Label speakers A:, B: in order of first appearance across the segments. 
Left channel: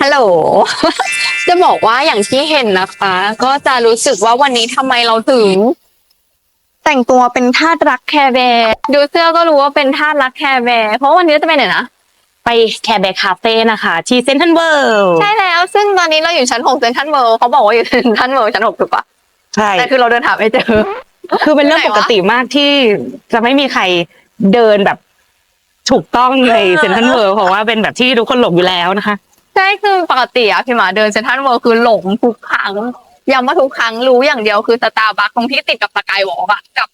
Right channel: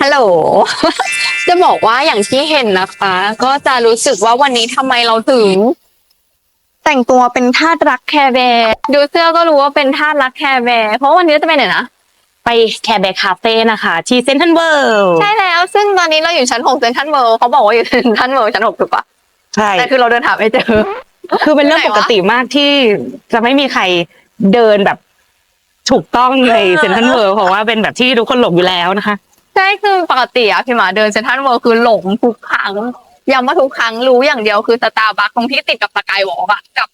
A: ฮัลโหล จะบอกว่าอย่างที่เห็นนะคะ ก็จะรู้สึกว่าวันนี้ทำไมเราถึง แต่งตัวเป็นทาสรักแคร์แบร์ดูเสื้อก็รู้ว่าเป็นทาสรักแคร์แบร์เพราะวันนี้จะไปไหนนะ
B: ไปแคร์แบคคาเฟ่นะคะ ที่เซนทรัลเวิลด์
A: ใช่แล้ว ซึ่งตอนนี้เราอยู่ชั้นหกเซ็นทรัลเวิลด์เขาบอกว่าอยู่เซ็นทรัลเวิลด์ชั้นหกถูกปะ
B: ใช่
A: แต่คือเราเดินหาไม่เจอ
B: คือเป็นเรื่อง
A: ที่
B: ป
A: ไหนวะ
B: กติมากที่จะไม่มีใครเดินแบบถูกต้องใน
A: เออ
B: เซนทรัลเวิลด์เพราะว่าเป็นแบบที่ทุกคนหลงอยู่แล้วนะคะ
A: ใช่คือปกติอะพี่หมาเดินเซ็นทรัลเวิลด์คือหลงทุกครั้งย้ำว่าทุกครั้งรู้อย่างเดียวคือสตาร์บัคตรงที่ติดกับสกายวอล์กอะกับ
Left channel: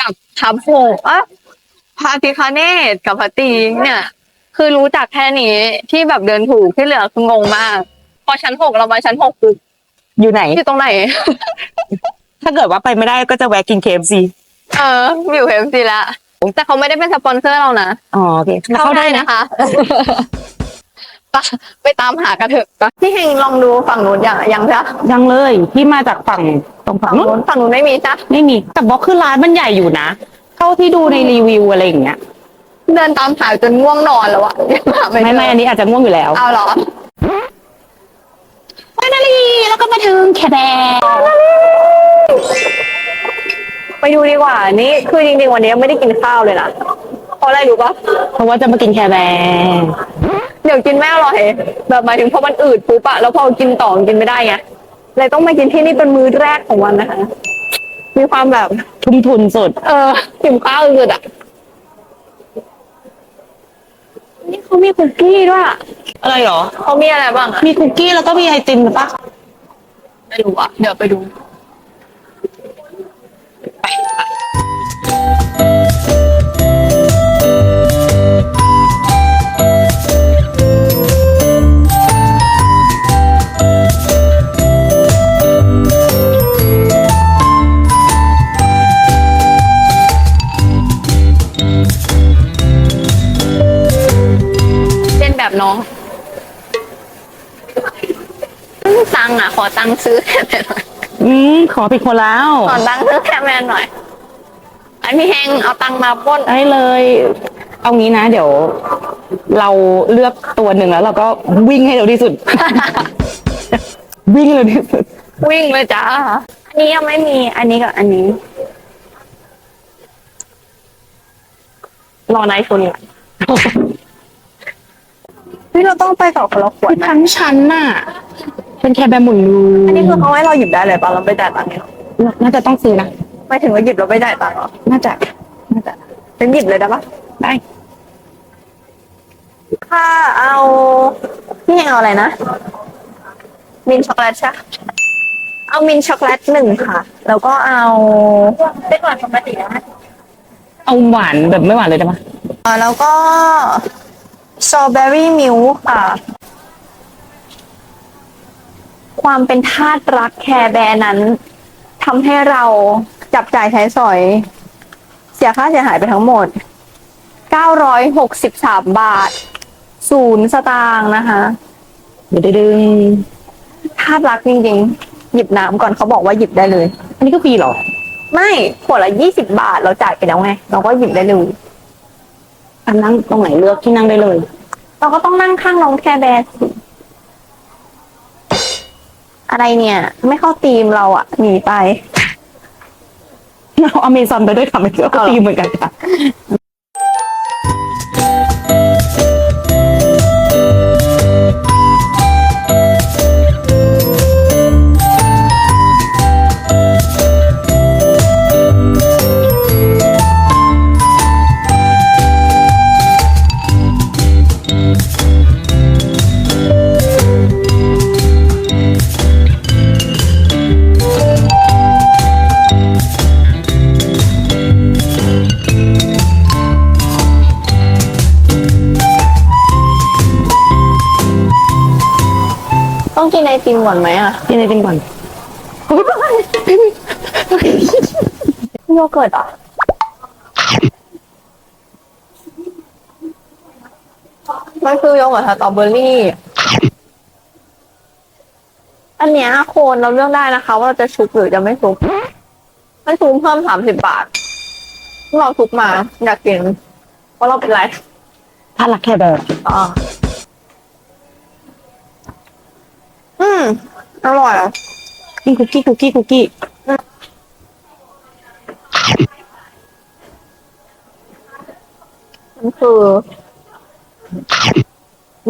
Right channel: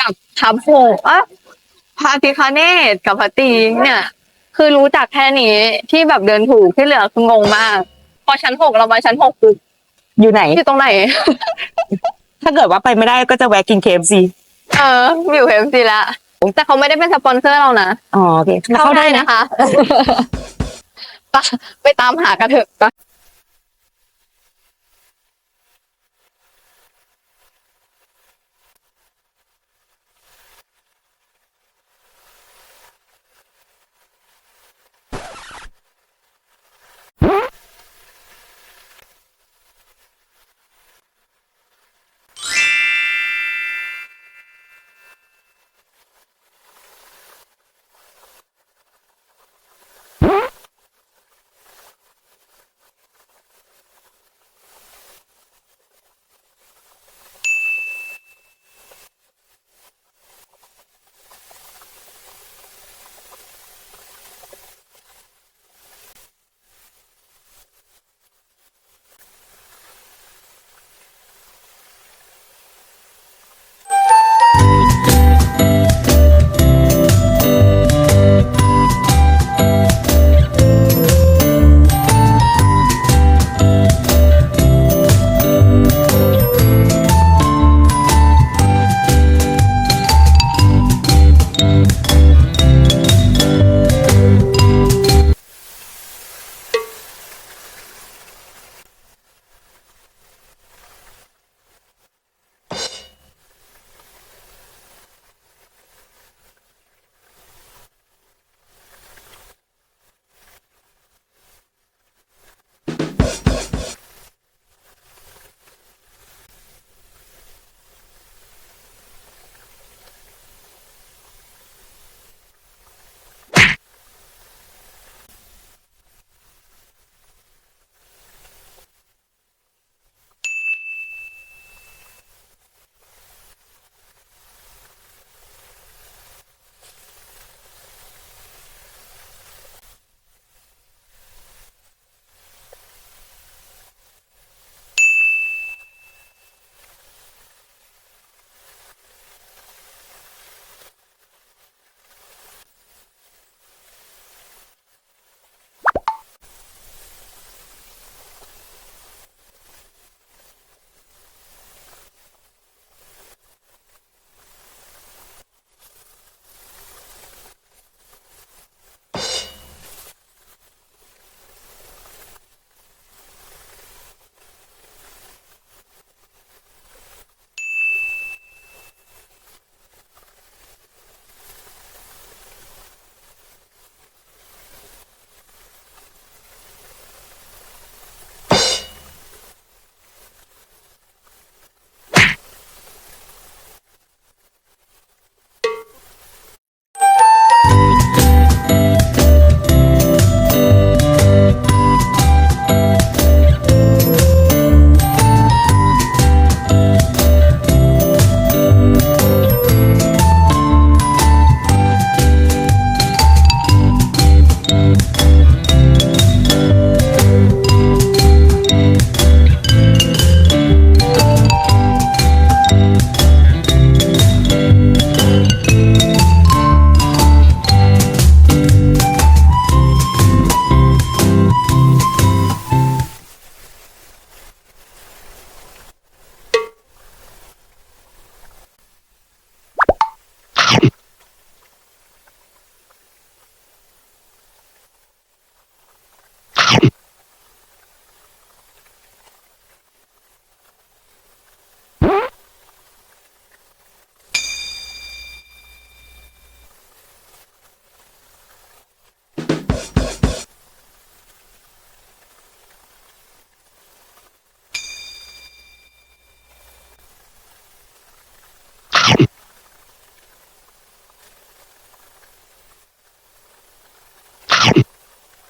A: กับทับโฟอะพาพิคาเนตกับพัตตีเนี่ย คือรู้จักแค่นี้ที่แบบเดินถูกที่เหลือคืองงมาก พอชั้นหกเรามาชั้นหกปุ๊บ
B: อยู่ไหน
A: อยู่ตรงไหน
B: ถ้าเกิดว่าไปไม่ได้ก็จะแวะกินเคฟซี
A: เอออยู่เอฟซีละแต่เขาไม่ได้เป็นสปอนเซอร์เรานะ
B: อ๋อโอเคแล้วเข้าได้นะ
A: นะ คะไปไปตามหากันเถอะไปพี่เฮงลองดูฝั่งนู้นอย่างยังจ้ะ
B: ยังเลยที่มาจากฝั่งตรงฝั่
A: ฝั่
B: ง
A: ง
B: นู้
A: นู้
B: น
A: นฝั่งนู้นไม่มีจ้ะ
B: ไม่มีแต่บอกคือร้านมันใหญ่อยู่นะเท่าที่ดูในรีวิวอะไรอย่างเงี้ย
A: เดินตามหาจนง่วงนอนแล้วอะหา
B: ไม่
A: เจ
B: ไม่อันนี้อาจจะง่วงอยู่แล้ว
A: เอาเหรอ
B: ไปนาลีแล้วก็มาถึงแคร์แบร์
A: ไปดูดีกว่านี่คือจริงๆวันนี้ไม่ได้กินข้าวเลยนะเพราะอะไรรู้ปะ
B: เพราะว่าจะมากินแคร์แบร์
A: เดี๋ยวกินไม่อร่อยแบบหมายถึงพอมันอืดปุ๊บอะแล้วพอกินต่อกินไม่ได้ไงเลยต้องมากินที่นี่เป็นมื้อแรกของวันนะคะ มีความแบบ
B: ทุ่มทุนสุด
A: เออหิวข้าวอืดอะนี่เขามีคุกกี้ด้วยอะ
B: อะไรหรอ
A: เขามีอะไรบ้างอะ
B: มีคุกกี้แล้วก็มีไอติมหรือปะ
A: ไม่รู้อะเดี๋ยวไปดู
B: ผิดคนแล้ว
A: ขอตังค์ซื้อแคมแมนหน่อย อันพี่เฮงเอาตังค์มาปล้น
B: ได้เลย เอางี้นะ เดี๋ยว เราเลือกตัวหนึ่งแล้ว เราก็วิ่งให้เร็วที่สุด วิ่งให้เร็วที่สุด
A: วิ่งเลยจ้าอันนี้ยังไม่มี อันนี้กับอันนี้ รอไนท์โชว์นี่ก่อนพี่เราต้องไปต่อคนละขวด
B: คือ
A: ไหม
B: ทั้งชั้นน่ะ เป็นแคร์แบร์หมุนลู
A: อันนี้คือเขาให้เราหยิบได้เลยป่ะเราไปจ่ายตังค์เนี่ย
B: น่าจะต้องซื้อนะ
A: ไม่ถึงว่าหยิบเราไปจ่ายตังค์เหรอ
B: น่าจะน่าจะ
A: เป็นหยิบเลยได้ปะ
B: ได้
A: ถ้าเอาพี่เฮงเอาอะไรนะ มินช็อกโกแลตใช่ปะเอามินช็อกโกแลตหนึ่งค่ะ แล้วก็เอาเป็นหวานปกตินะ
B: เอาหวานแบบไม่หวานเลยได้ปะ
A: อ่าแล้วก็สตรอเบอรี่มิลค่ะ ความเป็นทาสรักแคร์แบร์นั้นทำให้เราจับจ่ายใช้สอย เสียค่าเสียหายไปทั้งหมด 963 บาท ศูนย์สตางค์นะคะ
B: เดี๋ยวดึง
A: ทาสรักจริงๆ หยิบน้ำก่อนเขาบอกว่าหยิบได้เลย
B: อันนี้ก็ฟรีเหรอ
A: ไม่ขวดละ 20 บาทเราจ่ายไปแล้วไง เราก็หยิบได้เลย
B: อันนั่งตรงไหนเลือกที่นั่งได้เลย
A: เราก็ต้องนั่งข้างน้องแคร์แบร์สิ อะไรเนี่ย ไม่เข้าตีมเราอะหนีไป
B: เอาอเมซอนไปด้วยค่ะไม่เกี่ยวกับตีมเหมือนกันค่ะ
A: เกิร์ตเหรอะมันคือโยเกิร์ตสตรอเบอรี่ อันเนี้ยโคนเราเลือกได้นะคะ ว่าเราจะชุบหรือจะไม่ชุบไม่ชุบเพิ่มสามสิบบาทเราชุบมา อยากกินเพราะเราเป็นไร
B: ถ้ารักแคร์แบร์
A: อ่าอร่อยอะ
B: กินคุกกี้คุกกี้คุกกี้
A: มัน คือ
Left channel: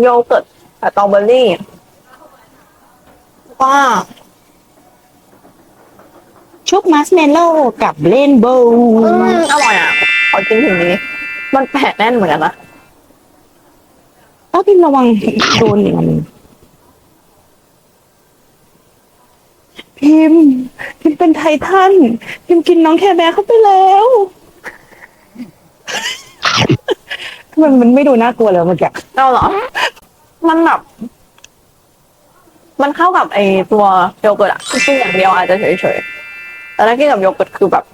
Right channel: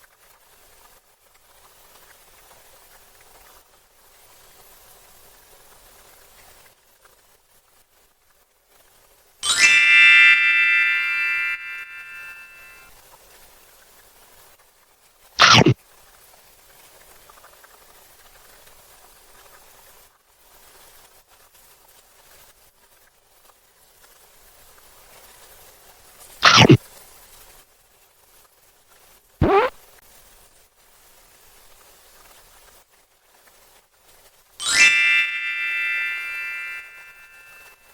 A: โยเกิร์ตสตรอเบอรี่ก็
B: ชุบมัสเมลโล่กับเลนโบว์
A: อืมอร่อยอะ ขอกินถึงนี้ มันแปะแน่นเหมือนกันนะ
B: ต้องพิมระวังโดนอย่างนั้นพิมพ์พิมพ์เป็นไททันพิมพ์กินน้องแคร์แบร์เข้าไปแล้ว มันมันไม่ดูน่ากลัวเลยเมื่อกี้
A: เอาเหรอ มันแบบ มันเข้ากับไอตัวโยเกิร์ตอะคือกินอย่างเดียวอาจจะเฉยๆ แต่ถ้ากินกับโยเกิร์ตคือแบบ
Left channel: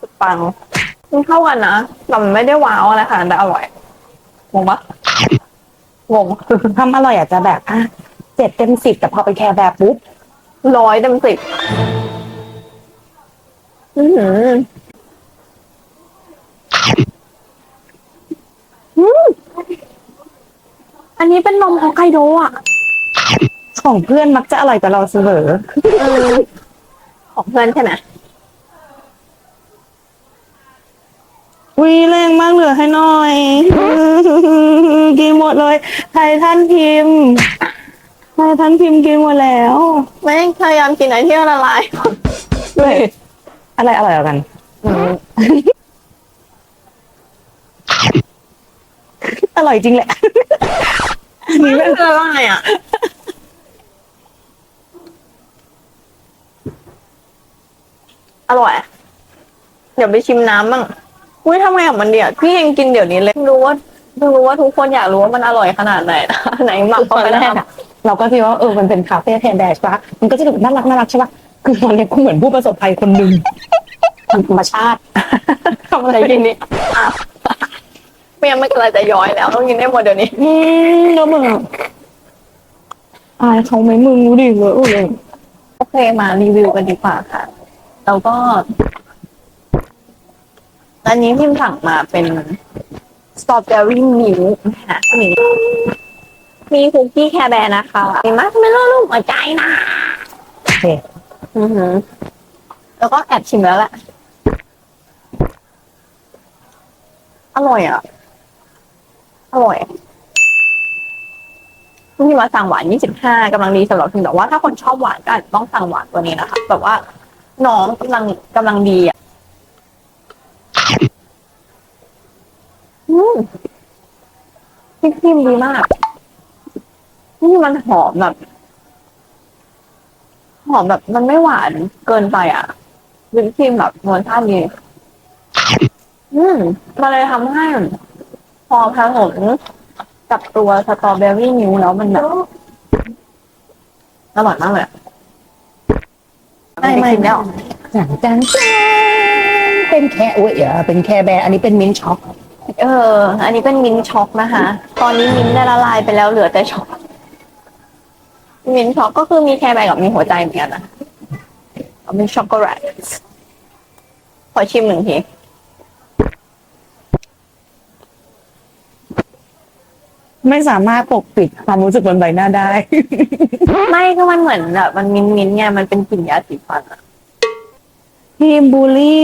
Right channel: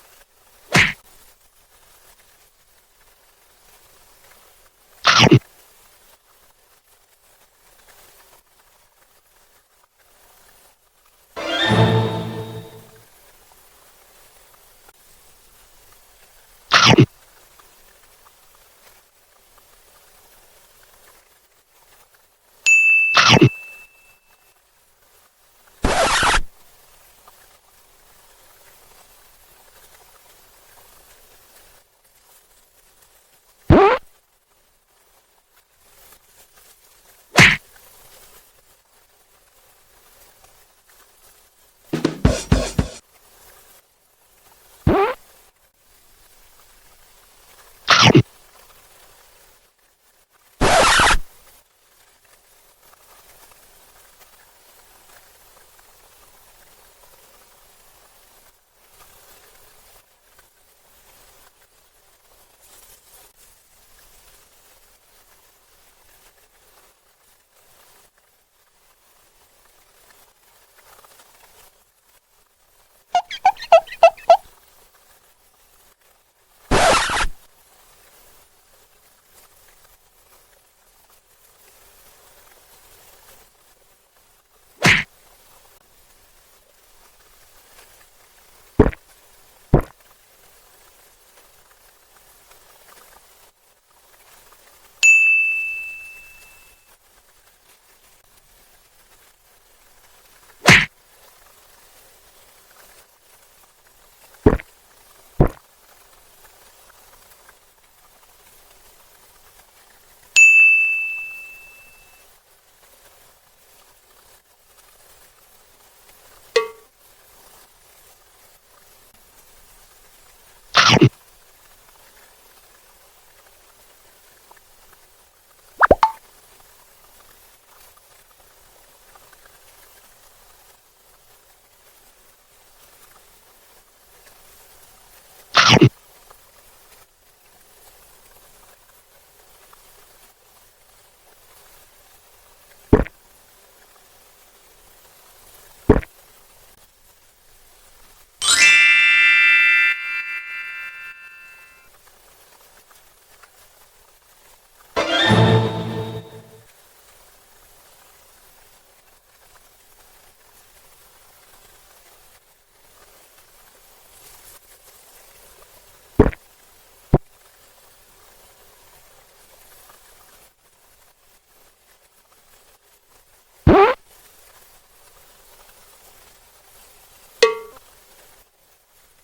A: สุดปัง มันเข้ากันนะแต่มันไม่ได้ว้าวอะไรค่ะแต่อร่อยงงปะงง
B: ความอร่อยอาจจะแบบอะเจ็ดเต็มสิบแต่พอไปแคร์แบร์ปุ๊บ
A: ร้อยเต็มสิบ อือหืออื อันนี้เป็นนมฮอกไกโดอะ
B: ของเพื่อนมักจะอร่อยกว่าเราเสมอ
A: ของเพื่อนใช่ไหม
B: วีแรงมากเหลือให้หน่อย กินหมดเลยไททันพิมพ์ไททันพิมพ์กินหมดแล้ว
A: ไม่พยายามกินอะไรที่ละลาย
B: เลยอะไรอร่อยกว่ากัน ร่อยจริงแหละอันนี้
A: ไม่
B: เป็น
A: ละลายอะ อร่อย เดี๋ยวไปชิมน้ำบ้างอุ้ยทำไงกับมันเดี๋ยวพี่ยังกินเดี๋ยวนี้เลยไม่รู้ว่าไม่รู้ว่าทุกคนอยากรู้ว่ามันอร่อยขนาดไหนนะไหนหมัก
B: ต
A: เข้า
B: อน
A: ไป
B: แร
A: แล้
B: ก
A: ว
B: อะเราก็คิดว่าเออมันเป็นคาเฟ่แทนแดชปะมันก็จะดูน่ารักน่ารักใช่ปะคือตอนนี้กูเหมือนผู้ประสบภัยคนหนึ่งทางธรรมชาติ
A: ทำอะไรกินนี่อะ ไม่งั้นไม่กำลังจะย้อยแล้วต้องกินได้หมดเดี๋ยวนี้
B: อืมแล้วมึงอะอายเขาไหมมึงรู้ดิเว้ย
A: โอเคมารีวิวกันดีกว่าค่ะ แล้วก็ อันนี้พิมพ์สั่งมาเป็นสตรอเบอรี่มิลนะคะนี่มีคุกกี้แคร์แบร์นะคะมีมัสเมลโล่ลูกหัวใจนะ
B: โอเค
A: อือหือ แล้วก็แอบชิมแล้วแหละ อร่อยอะ อร่อยที่มาสั่งหวาน 25กำลังดีสำหรับพิมแต่ว่าถ้าคนชอบหวานก็อาจจะต้องสั่งหวานตัวนี้นะคะแบบว่าน้องกำลังกำลังดีอะอืมพริกพิมดีมากนี่มันหอมแบบ หอมแบบ มันไม่หวานเกินไปอะวิปครีมแบบรสชาติดีอืมมันเลยทำให้ พอผสมกับตัวสตรอเบอรี่นิ้วแล้วมันแบบอร่อยมากเลยอะไม่ไม่แล้ว
B: จังจังเป็นแค่โอ้ยเอ่อเป็นแค่แบร์อันนี้เป็นมิ้นท์ช็อก
A: เออ อันนี้เป็นมิ้นท์ช็อกนะคะ ตอนนี้มิ้นท์ได้ละลายไปแล้วเหลือแต่ช็อก มิ้นท์ช็อกก็คือมีแคร์แบร์กับมีหัวใจเหมือนกันนะเอาเป็นช็อกโกแลตขอชิมหนึ่งที
B: ไม่สามารถปกปิดความรู้สึกบนใบหน้าได้
A: ไม่ก็มันเหมือนแบบมันมินมินๆไงมันเป็นกลิ่นยาสีฟันอะ
B: ทีมบูลลี่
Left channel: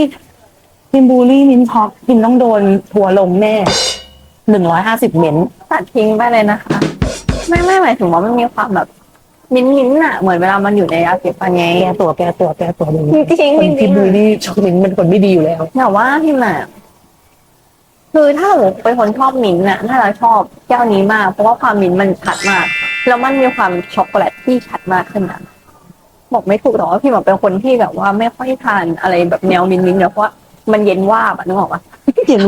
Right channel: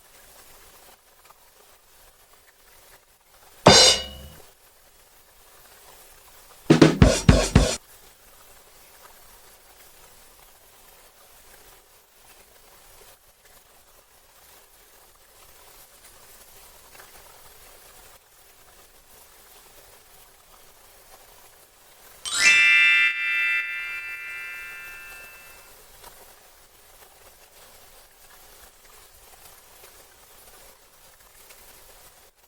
B: ทีมบูลลี่มิ้นท์ช็อกทีมต้องโดนทัวร์ลงแน่หนึ่งร้อยห้าสิบเมนต์
A: ตัดทิ้งไปเลยนะคะ ไม่ไม่หมายถึงว่ามันมีความแบบ มินมินๆอะเหมือนเวลามันอยู่ในยาสีฟันไง
B: แก้ตัวแก้ตัวแก้ตัวดู
A: จริงๆ
B: คน
A: จริ
B: ที่
A: งๆ
B: บูลลี่ช็อกมิ้นท์เป็นคนไม่ดีอยู่แล้ว
A: แต่ว่าพี่หมาก คือถ้าหนูเป็นคนชอบมิ้นท์น่ะน่าจะชอบแก้วนี้มาก เพราะว่าความมิ้นท์มันชัดมาก แล้วมันมีความช็อกโกแลตที่ชัดมากขึ้นนะบอกไม่ถูกหรอกว่าพี่หมากเป็นคนที่แบบว่าไม่ค่อยทานอะไรแบบแนวมิ้นท์มิ้นท์เนี่ยเพราะว่ามันเย็นวาบอะนึกออกปะ
B: เห็น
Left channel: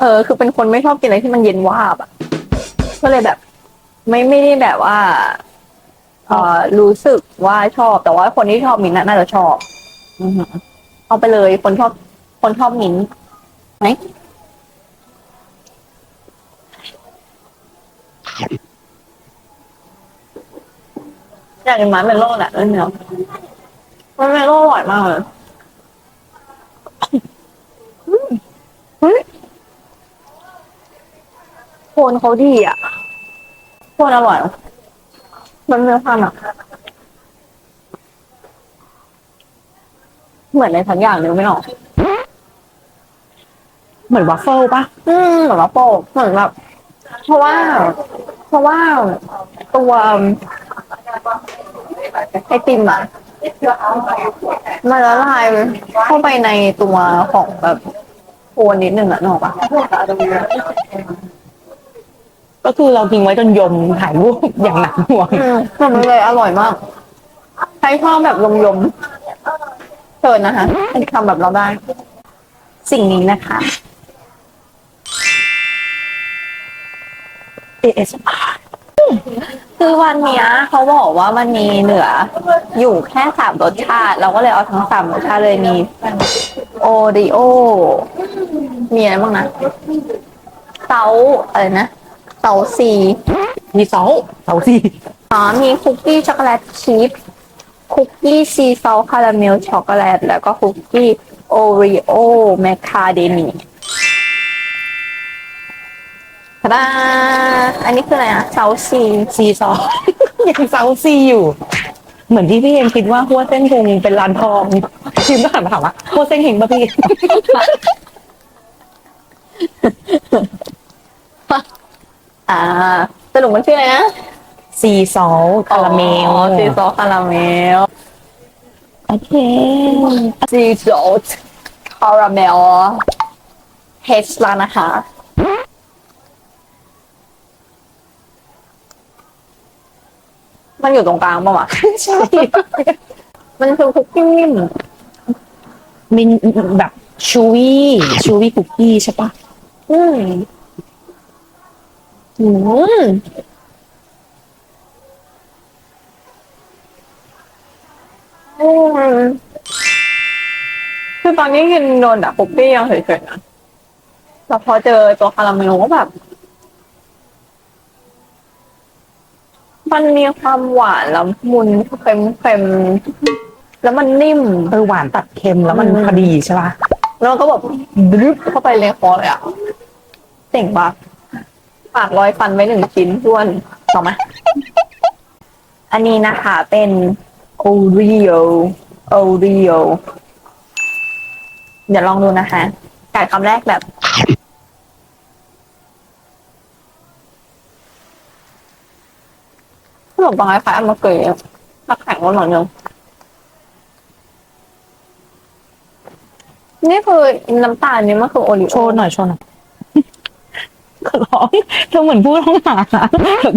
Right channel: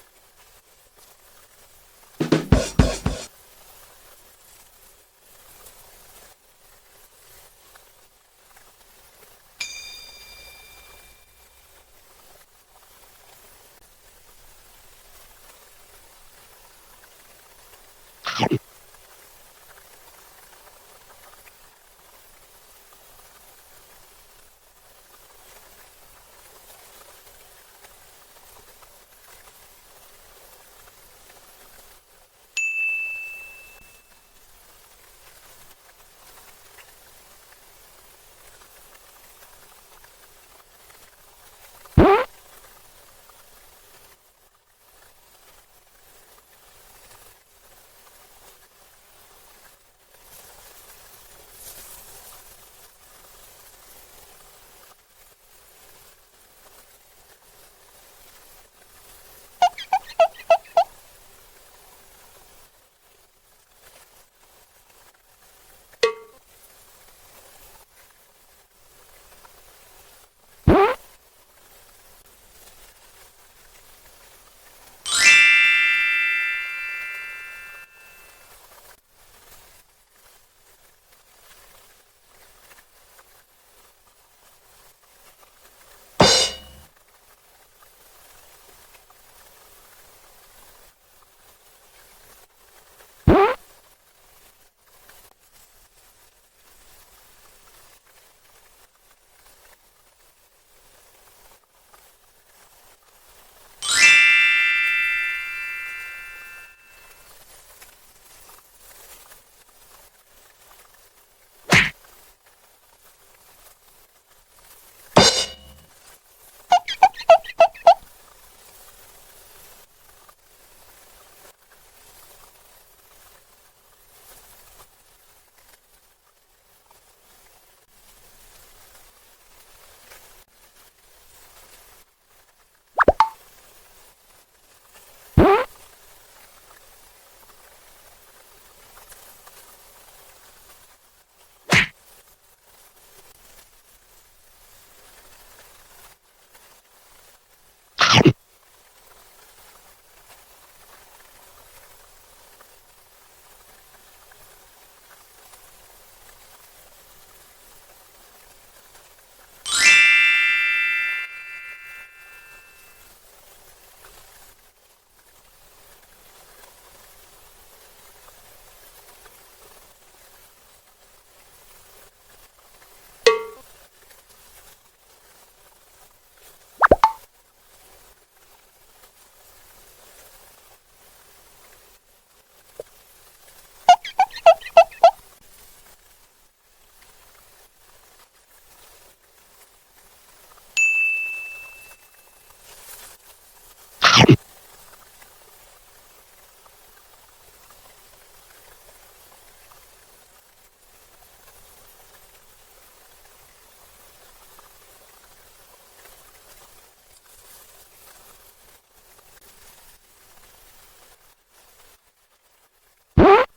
A: เออ คือเป็นคนไม่ชอบกินอะไรที่มันเย็นวาบอะก็เลยแบบ ไม่ไม่ได้แบบว่าเออรู้สึกว่าชอบ แต่ว่าคนที่ชอบมิ้นท์น่ะน่าจะชอบ อือหือเอาไปเลยคนชอบคนชอบมิ้นท์ไหม อยากกินไม้เมลโล่แหละเล่นเนื้อไม้เมลโล่อร่อยมากเลยอืมเฮ้ยโคนเขาดีอะโคนอร่อย มันมีความแบบเหมือนในทั้งอย่างนึกไม่ออก
B: เหมือนวัฟเฟิลปะ
A: อืมเหมือนว่าโป้เหมือนแบบ เพราะว่า เพราะว่าตัวไอติมอะมันละลายเข้าไปในตัวของแบบโคนนิดนึงอะนกออกปะ
B: ก็คือเราทิ้งไว้จนยมถ่ายรูปอย่างหนักหน่วง
A: อืมแต่มันเลยอร่อยมาก ใช้ชอบแบบยมๆเชิญนะคะทำแบบเราได้
B: สิ่งนี้นะคะ ASMR
A: คือวันเนี้ยเขาบอกว่ามันมีเหลือ อยู่แค่สามรสชาติ เราก็เลยเอาทั้งสามรสชาติเลยมีโอริโอ มีอะไรบ้างนะเตาอะไรนะเตาซี
B: มีเสาเสาสี่
A: อ๋อมีคุกกี้ช็อกโกแลตชีสคุกกี้ซีซอลคาราเมลช็อกโกแลต แล้วก็คุกกี้โอริโอแมคคาเดเมีย ทาดาอันนี้คืออะไรอะเซาซี
B: ซีซอ ยังเสาซีอยู่ เหมือนที่พี่เองคิดว่าหัวเส้นคงเป็นร้านทองคิมก็หันมาถามว่าหัวเส้นเฮงปะพี่
A: อ่าสรุปมันชื่ออะไรนะ
B: ซีซอลคาราเมล
A: อ๋อซีซอลคาราเมล
B: โอเค
A: ซีซอลคาราเมลเฮชลานะคะ มันอยู่ตรงกลางป่าวะ
B: ใช่
A: มันคือคุกกี้นิ่ม
B: มินแบบชูวี่ชูวี่คุกกี้ใช่ปะ
A: อืมอืมอืมคือตอนนี้กินโดนอะคุกกี้ยังเฉยๆนะแต่พอเจอตัวคาราเมลก็แบบ มันมีความหวานละมุนเค็มๆแล้วมันนิ่ม
B: เออหวานตัดเค็มแล้วมัน
A: อืม
B: พอดีใช่ปะ
A: แล้วก็แบบดรึบเข้าไปในคอเลยอะเจ๋งปะปากรอยฟันไว้หนึ่งชิ้นด้วนต่อมา อันนี้นะคะเป็นโอรีโอโอรีโอเดี๋ยวลองดูนะคะกัดคำแรกแบบ ขนมปังคล้ายๆอันมะเกยถ้าแข็งกว่าหน่อยนึงนี่คือน้ำตาลนี่มันคือโอริโอ
B: โชว์หน่อยโชว์หน่อยขอร้องเธอเหมือนผู้ต้องหา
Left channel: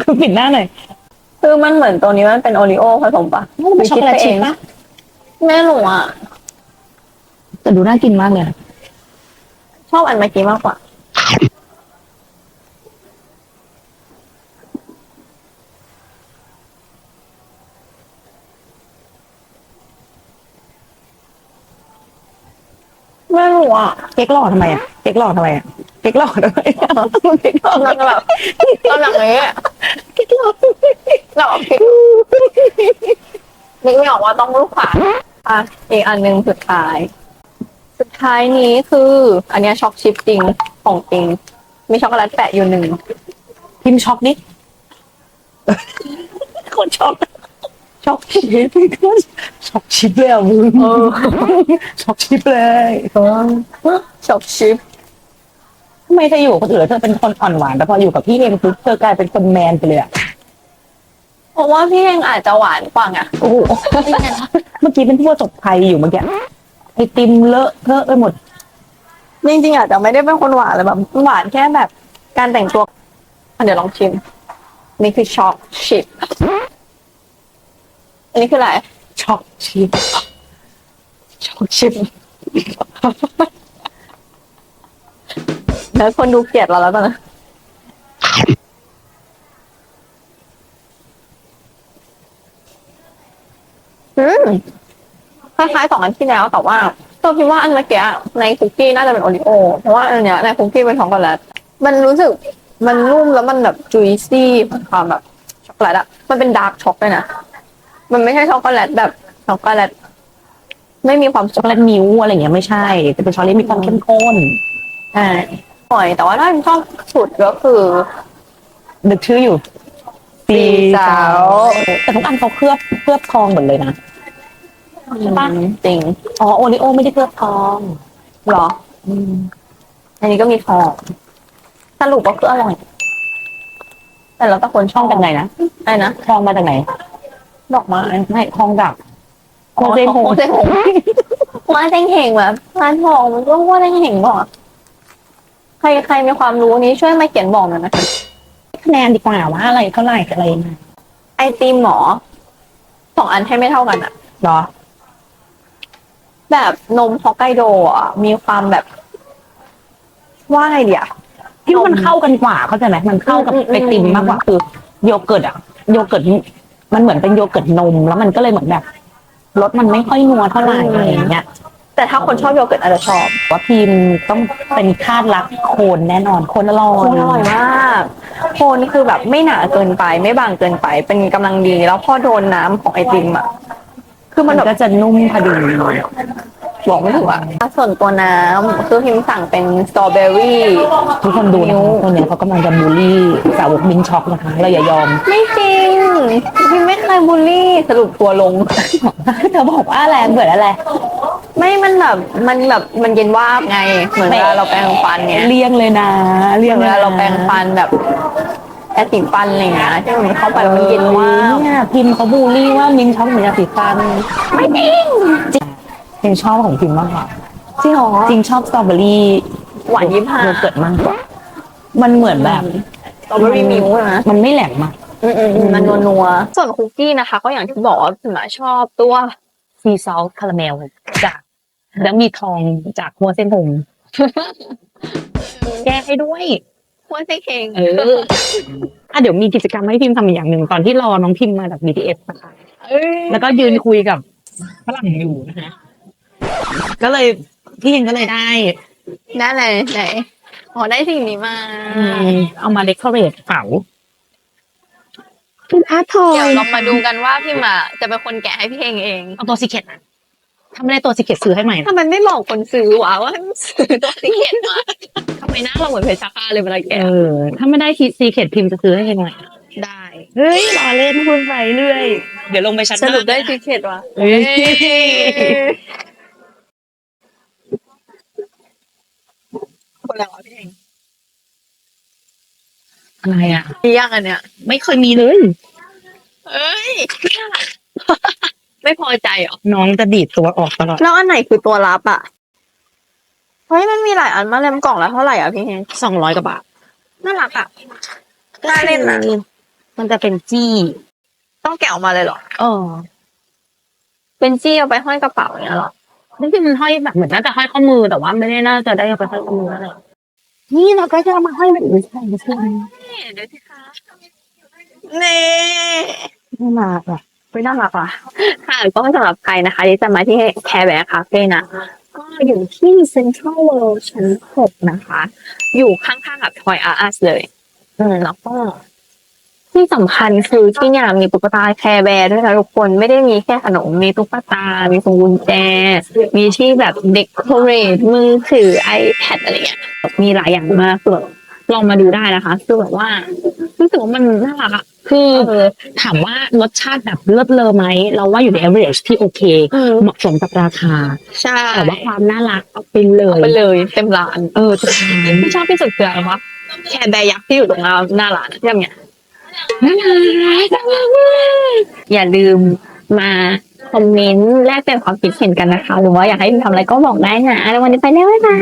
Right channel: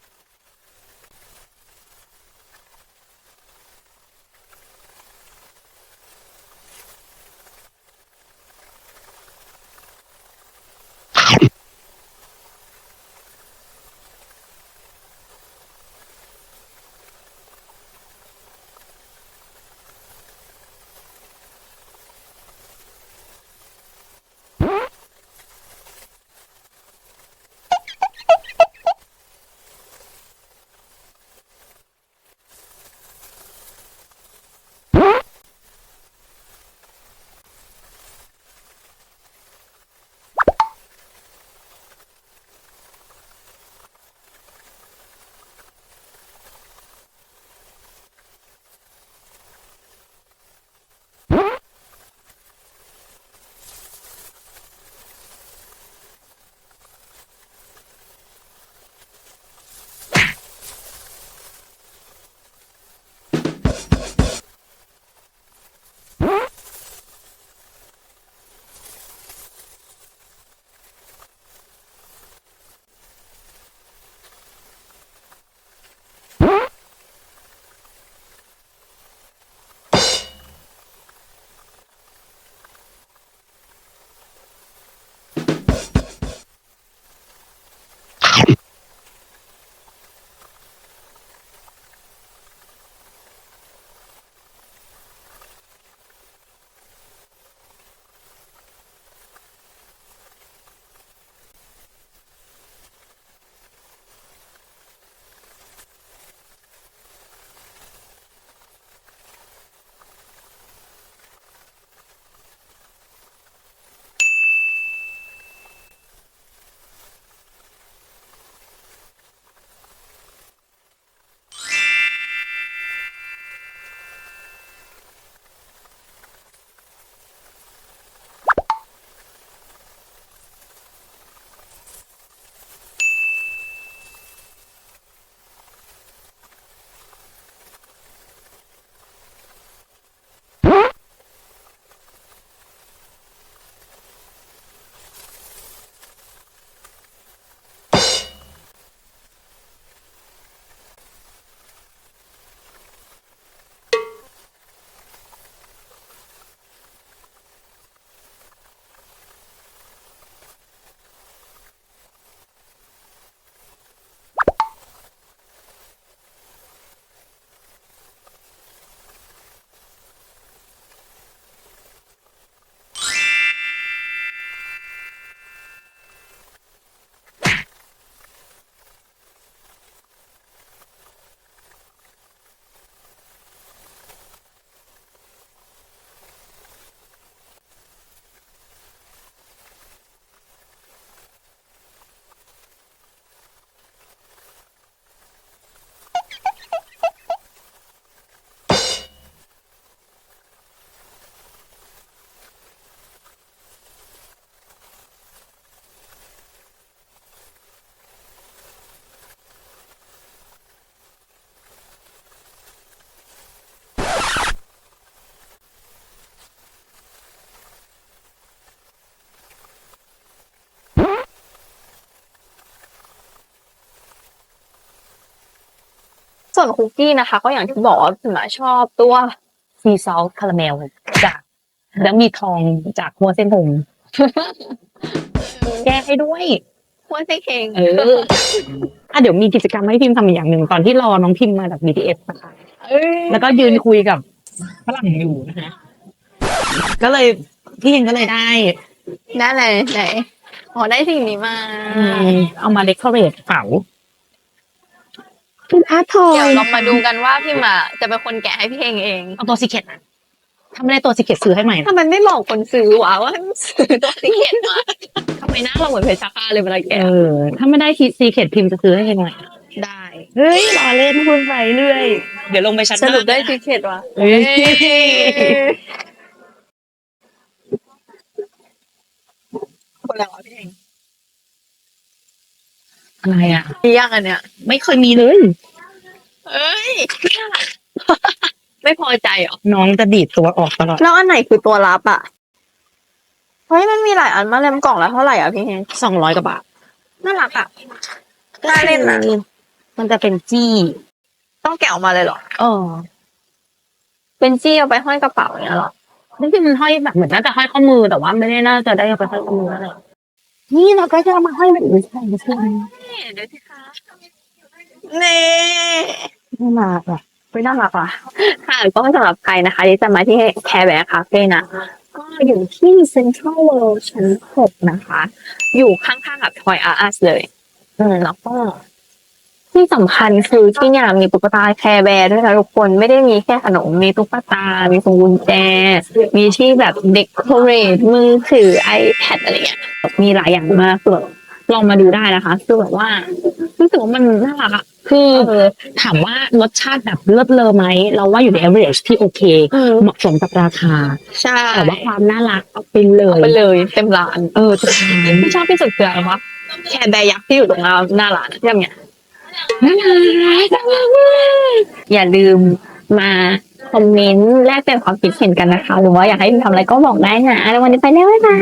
B: คือปิดหน้าหน่อย
A: คือมันเหมือนตัวนี้มันเป็นโอริโอผสมปะ
B: มันช็อกโกแลตชิพปะ
A: แม่หนูอะ
B: แต่ดูน่ากินมากเลยอะ
A: ชอบอันเมื่อกี้มากกว่า แม่หนูอะ
B: เค้กหล่อทำไมอะเค้กหล่อทำไมอะเค้กหล่อทำไมอะเค้กหล่อกำ
A: ลังแบบกำลังอย่างเงี้ย
B: เค้กหล่อ
A: เราเอาพริกนึกไม่ออกว่าต้องลูกขวาอะอีกอันหนึ่งสุดท้าย สุดท้ายนี้คือ อันเนี้ยช็อกชิปจริงของจริง มีช็อกโกแลตแปะอยู่หนึ่ง
B: พิมพ์ช็อกดิคนช็อก ช็อกชิปช็อกชิปเลยอะมึง
A: เออ
B: ช็อกชิปเลย
A: ช็อกชิป
B: ทำไมเธออยู่กับคนอื่นแล้วเธอเป็นคนอ่อนหวานแต่พออยู่กับพี่เองปุ๊บเธอกลายเป็นคนแมนไปเลยอะ
A: เพราะว่าพี่เองอาจจะหวานกว่าไง
B: โอ้โหเมื่อกี้เป็นผู้ประสบภัยอยู่เมื่อกี้ไอติมเลอะเทอะไปหมด
A: จริงๆอาจจะไม่ได้เป็นคนหวานเลยแบบหวานแค่แบบ การแต่งตัวอะเดี๋ยวลองชิมนี่คือช็อกชิป อันนี้คืออะไร
B: ช็อกชิปช็อกชิป
A: แล้วคนดูเกลียดเราแล้วตอนนะ อืมคล้ายๆสองอันที่แล้วแต่ว่าตัวคิดว่าอันเมื่อกี้ในคุกกี้น่าจะเป็นโอริโอเพราะว่าอันเนี้ยในคุกกี้เป็นช็อกโกแลตมันรู้สึกมันนุ่มแล้วมันแบบจุยซี่ความแบบช็อกโกแลตอะมันเป็นดาร์กช็อกเลยนะ มันไม่ใช่ช็อกโกแลตแบบช็อกโกแลตไม่มีความ
B: ช็อกโกแลตมิ้วอะไรอย่างเงี้ยไม่ใช่แต่เป็นช็อกโกแลตมีความเข้มข้น
A: อ่าหอยแต่ว่าถ้าชอบสุดก็คือ
B: นึกชื่ออยู่
A: สีสาว
B: แต่ทุกอันเขาเคลือบเคลือบทองหมดเลยนะใช่ปะ
A: จริง
B: อ๋อโอริโอไม่ได้เคลือบทอง
A: เหรออันนี้ก็มีทองสรุปก็คืออร่อยแต่เราแต่คนช
B: ท
A: อ
B: อบงจากไหนนะ
A: อะไรนะ
B: ทองมาจากไหน
A: ดอกไม้
B: ไม่ทองจาก
A: โคเซงโฮเซงโฮว่าเซงเหงแบบร้านทองมันก็ว่าเซงเหงบอกอะใครใครมีความรู้นี้ช่วยมาเขียนบอกหน่อยนะคะ
B: คะแนนดีกว่าว่าอะไรเท่าไหร่อะไรยังไง
A: ไอติมหมอสองอันให้ไม่เท่ากันอะ
B: เหรอ
A: แบบนมฮอกไกโดอะมีความแบบ ว่าไงเดีย
B: ที่มันเข้ากันกว่าเข้าใจไหมมันเข้ากับ
A: อืมอืม
B: ไอติมมากกว่าคือโยเกิร์ตอะโยเกิร์ต มันเหมือนเป็นโยเกิร์ตนม แล้วมันก็เลยเหมือนแบบรสมันไม่ค่อยนัวเท่าไหร่อะไรอย่างเงี้ย
A: แต่ถ้าคนชอบโยเกิร์ตอาจจะชอบ
B: ว่าพิมต้องเป็นคาดรักโคนแน่นอนโคนอร่อย
A: โคนอร่อยมากโคนคือแบบไม่หนาเกินไปไม่บางเกินไป เป็นกำลังดีแล้วพอโดนน้ำของไอติมอะคือมั
B: มันน
A: แบบ
B: ก็จะนุ่มพอดี
A: บอกไม่ถูกอะส่วนตัวน้ำคือพิมสั่งเป็นสตรอเบอรี่
B: ทุกคนดูนะคะคนเนี้ยเขากำลังจะบูลลี่สาวกมินช็อกนะคะเราอย่ายอม
A: ไม่จริงพิมไม่เคยบูลลี่สรุปตัวลง
B: เธอบอกว่าอะไรเบื่ออะไร
A: ไม่มันแบบมันแบบมันเย็นวาบไง เหมือนเวลาเราแปรงฟันเนี่ย
B: เลี่ยงเลยนะเลี่ยง
A: เว
B: ลย
A: ลา
B: นะ
A: เราแปรงฟันแบบแอสติฟันอะไรอย่างเงี้ยที่มันเข้าไปแล้วมันเย็นวาบ
B: เนี่ยพิมพ์เขาบูลลี่ว่ามินช็อกเหมือนยาสีฟัน
A: ไม่จริง
B: พิมชอบของพิมมากกว่า
A: จริงเหรอ
B: จริงชอบสตรอเบอรี่
A: หวานยี่ห้า
B: โยเกิร์ตมากมันเหมือนแบบ
A: สตรอเบอรี่มิลค์นะ
B: มันไม่แหลมมาก
A: อืมๆมันนัวๆส่วนคุกกี้นะคะ ก็อย่างที่บอกว่าพิมชอบตัว
B: ซีซอสคาราเมลจากแล้วมีทองจากหัวเส้นผมแก้ให้ด้วย
A: หัวไส้เค็ง
B: เอออะเดี๋ยวมีกิจกรรมให้พิมพ์ทำอีกอย่างหนึ่งตอนที่รอน้องพิมพ์มาจาก BTS นะคะ
A: เอ้ย
B: แล้วก็ยืนคุยกับฝรั่งอยู่นะคะ ก็เลยพี่เองก็เลยได้
A: ได้ไหนไหนอ๋อได้สิ่งนี้มา
B: อืมเอามาเดคอเรทเป๋าเป็นอาร์ตทอ
A: เดี๋ยวยเรามาดูกันว่าพี่มาจะเป็นคนแกะให้พี่เองเอง
B: เอาตัวซีเคทถ้าไม่ได้ตัวซีเคทซื้อให้ใหม่นะ
A: ทำไมไม่บอกคนซื้อวะว่าให้มันซื้อตัวสีเขียนมาทำไมหน้าเราเหมือนเพชรชาคาเลยเวลา
B: เอ
A: แกะ
B: อถ้าไม่ได้ซีเคทพิมพ์จะซื้อให้ใหม่
A: ได้
B: เฮ้ยรอเล่นพูดไปเรื่อย เดี๋ยวลงไปชั้น
A: สรุปได้
B: หน้า
A: สีเขียนวะ
B: เอ้ย
A: คนแล้วพี่เอง
B: อะไรอะ
A: มียังอันเนี้ย
B: ไม่เคยมีเลย
A: เอ้ย ไม่พอใจเหรอ
B: น้องจะดีดตัวออกตลอด
A: แล้วอันไหนคือตัวรับอะ เฮ้ยมันมีหลายอันมาเล่มกล่องแล้วเท่าไหร่อะพี่เฮง
B: สองร้อยกว่าบาท
A: น่ารักอะ น่าเล่นอะ
B: มันจะเป็นจี้
A: ต้องแกะออกมาเลยเหรอ
B: เออ
A: เป็นจี้เอาไปห้อยกระเป๋าเนี่ยเหรอ
B: นี่คือมันห้อยแบบเหมือนน่าจะห้อยข้อมือแต่ว่าไม่ได้น่าจะได้เอาไปห้อยข้อมืออะไร นี่เราก็จะเอามาห้อยแบบนี้ใช่ไม่ใช่
A: นี่เดี๋ยวสิคะนี่
B: ไม่มาอะ
A: ไม่น่ารักอะค่ะก็สำหรับใครนะคะ ที่จะมาที่แคร์แบร์คาเฟ่นะก็อยู่ที่เซ็นทรัลเวิลด์ชั้นหกนะคะ อยู่ข้างๆกับทอยอาร์สเลย อืมแล้วก็ ที่สำคัญคือที่เนี่ยมีตุ๊กตาแคร์แบร์ด้วยนะทุกคนไม่ได้มีแค่ขนมมีตุ๊กตา มีพวงกุญแจ มีที่แบบเด็กโคเรทมือถือ iPad อะไรเงี้ยมีหลายอย่างมากเลยลองมาดูได้นะคะ คือแบบว่ารู้สึกว่ามันน่ารักอะ
B: คือถามว่ารสชาติแบบเลิศเลอไหม เราว่าอยู่ใน average ที่โอเค
A: อืม
B: เหมาะสมกับราคา
A: ใช่
B: แต่ว่าความน่ารักเอาไปเลย
A: ไปเลยเต็มร้าน
B: เออจะทาน
A: ที่ชอบที่สุดคืออะไรวะแคร์แบร์ยักษ์ที่อยู่ตรงหน้าร้านที่ทำเนี่ย
B: น่ารัก
A: อย่าลืมมาคอมเมนต์แลกเปลี่ยนความคิดเห็นกันนะคะ หรือว่าอยากให้ทำอะไรก็บอกได้นะแล้ววันนี้ไปแล้วบ๊ายบาย